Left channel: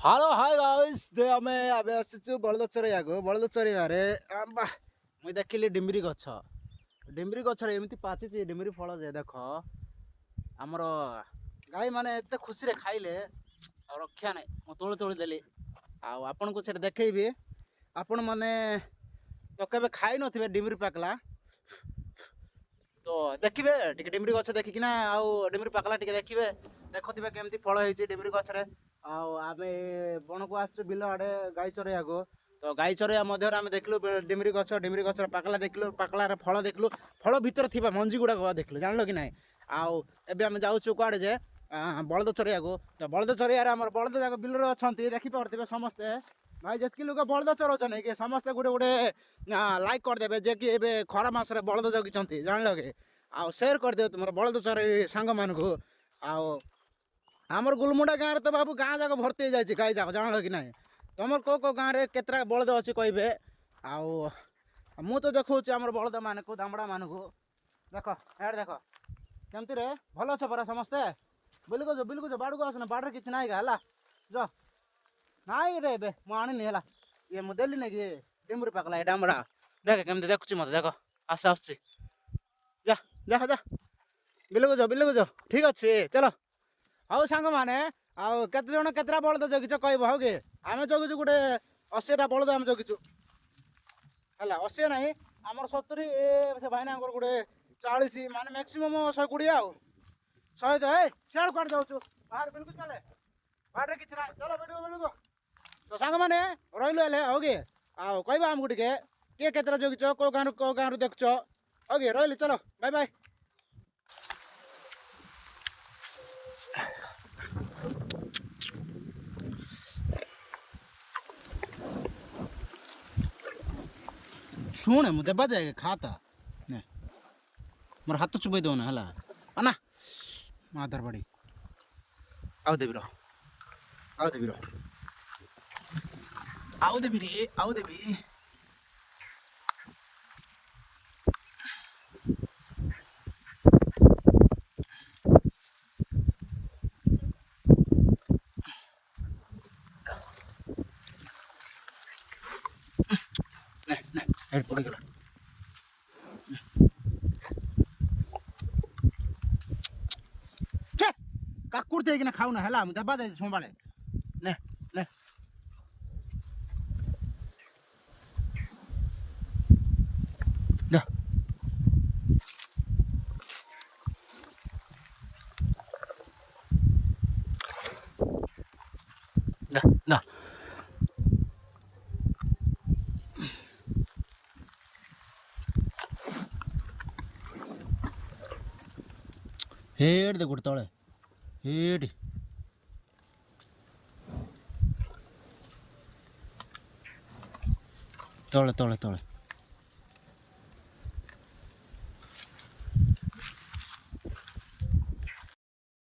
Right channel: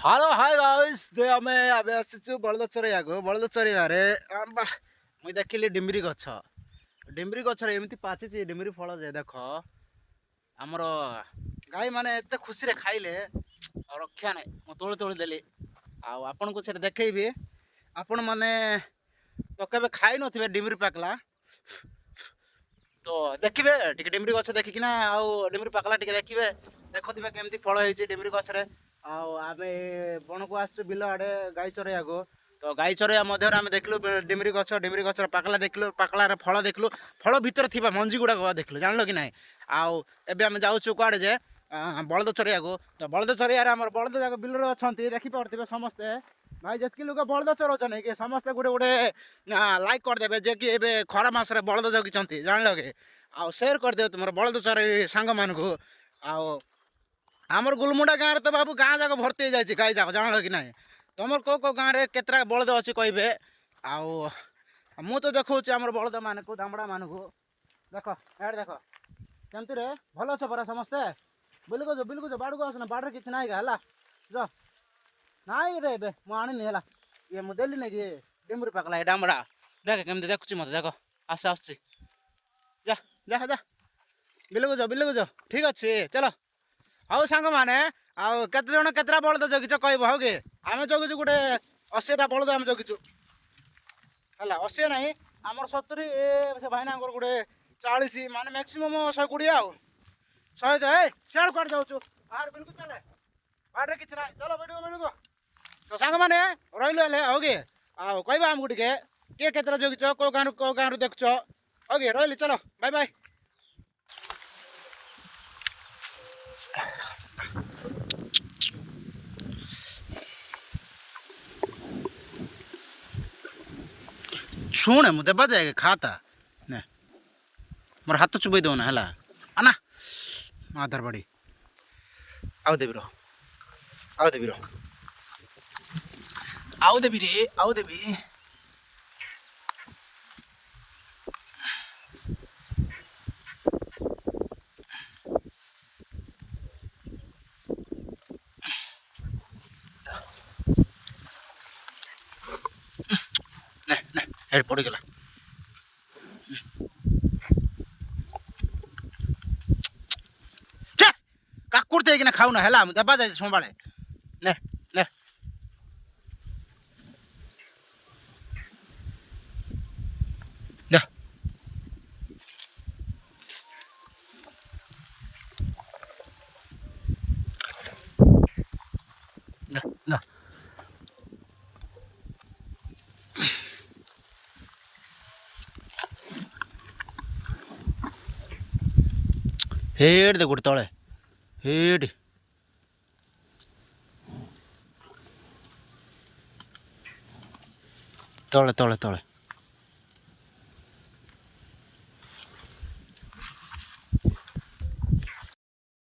hello hi guys they आमे आबे आसीचु बळद चरैयाको बळद चरैयारे मुई देखिली डिम्बरी गछ रे एमती पाचिची डिम्बरी फल जे देख हमर गाई माने एते खुशी रे खाइले रक्षा नै मु तोଳି तोଳି देली आपन को सेट देखैबी आपण माने तो केबे खाइ नथिबे डिम्बरी पाकला तो देखिबे टिके डिम्बरी गछ देखिकिना डिम्बरी पाकला टिके देखिबे देखथिबे केमती फल ହେଇଛି डिम्बरी गछ रे आमे बण को आस बिल आड़े गाई चरैयाको तो गाई चरैया मध्य आमे देखलु डिम्बरी गछ पाकला देखलु पाकलार फल देखलु फल भितर थिबा मंजी गुडा देखलु जानलो कि नाही आउ एबे आमे जाउछु कुआडे जे बळद चरैयाको तो बळद चरैया रे हमर बळद जाक बिल रे अछंती देखि परथिबे समस्ते भाई जतकी लोक बळद चरौछन कि समस्ते गुडे गुडे लाइक कर देबे जे कि एबे खरा मास रे बळद जगिचंती जानलो कि आउ शेयर कर देबे तुमर बळद चरै सांग मानको आउ आमर गुलमुंडा गाँव रे तो बाबू गाँ जाक भर्ती हो जाए गाई जाक जान कि ना तुम कौ गाँव में केतरा बलद अच्छी कहे मु तो देखा आम बलद मान को दामड़ा मान को देख यार देख केमती रे भल अछ परा समस्ते बिलकुछ बाड़ को आसना बाड़े किसी ना है जा नाई रे बे मुझे है ये मुझे देली ना कि डिम्बरी पाकला ये डामड़ा देख केमती देखुची मत देख आस आस जा जा जा बिलकुछ ठीक अच्छे चलो आउ सांग माने आउ केते जण केतरा बळद जगिछ कहबो हो गे आमे जगिछु गुटे 80 टा बळद आमे जगिछु हला 80 नाही हमर 70 से भाईना अंगर गुटे 40 माने मैक्सिमम 120 आउ 100 दे चल कर जाउछु बाहर बिल्कुल चले बाहर किछ नाही चलो बैठो तो सांग माने रहिलो ले हो गे आउ कहबा हम गुटे के केतरा जगिछ को गां रु देखछ हो गे रहिली चलो बाय बाय शुणे मुझे बजाए खाता ने मोर हाथ चुबई दो ना है आना आधार बाड़ी आउ देवी रो आउ देवी रो आउ देवी रे आउ देवी ने ने हेड पड़ गला काकुर ते कि खाऊ ना है दबा जाए संभाले ने ने हेड दे गुड़ तले हेड तले तले तले